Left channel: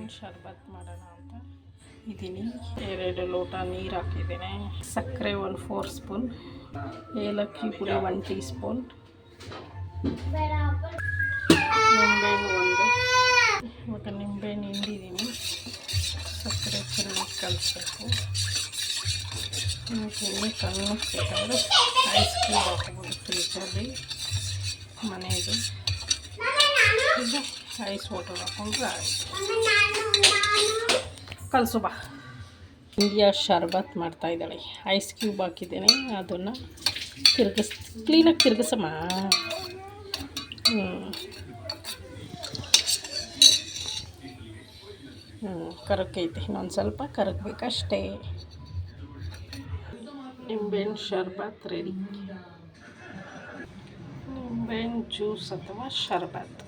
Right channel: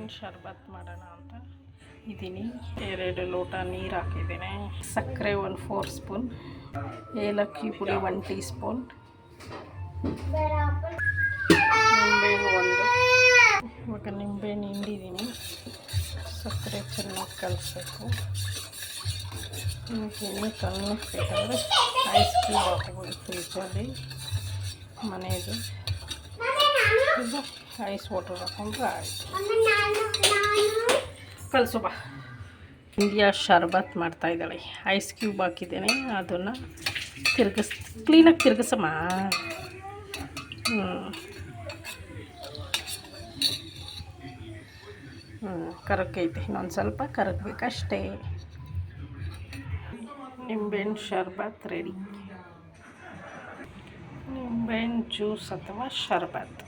ನಿಂಬೆಹಣ್ಣು ಶರ್ಬತ್ ಮಾಡೋಣ ಅಂತ? ಇದ್ದೀನಿ ಎರಡು ಲೋಟ ನೀರು ಹಾಕಿದ್ದೇನೆ. ಸಕ್ಕರೆ ಒಂದು ಫೋರ್ ಸ್ಪೂನ್ ಏಲಕ್ಕಿ ಪುಡಿ ಒನ್ ಟೀ ಸ್ಪೂನ್ ನಿಂಬೆಹಣ್ಣು ಒಂದು. ಇವಾಗ ನಿಂಬೆಹಣ್ಣು ಹಿಂಡಿದ್ದೀನಿ ಸಕ್ಕರೆ ಚೆನ್ನಾಗಿ ಕಲಿಸ್ಬೇಕು. ನಿಮಗೆ ಎಣ್ಣೆ ಕಲಿಸ್ಬೇಕಾದ್ರೆ ಐಸ್ ಕ್ಯೂಬ್ ಹಾಕ್ಬೋದು ಫ್ರಿಜ್ಜಲ್ಲಿ ಮನೆಯದು ಐಸ್ ವಾಟರ್ ಹಾಕೊಂಡ್ರೆ ಆಯಿತು. ಕಲಸು ಬಾ. ಇಂಡಿಯಾ ಶರ್ಬತ್ ಮಾಡ್ತಾ ಇದ್ದಾಳೆ. ಐಸ್ ಕ್ಯೂಬ್ ಹಾಕಿದ್ದೇನೆ ಅದನ್ನು ತಿರುಗಿಸ್ ಕ್ಲೀನಾಗಿ ತಿರುಗಿಸಮ್ಮ. ಹ್ಞೂ ಹ್ಞೂ ಕರಗೈತೆ ಇನ್ನೊಂದು ಸ್ವಲ್ಪ ಕರಗಬೇಕಷ್ಟೇ ನಿಂಬೆಹಣ್ಣು ಶರ್ಬತ್ ರೆಡಿ ನಿಂಬೆಹಣ್ಣು ಜ್ಯೂಸ್ ಅಥವಾ ಶರ್ಬತ್.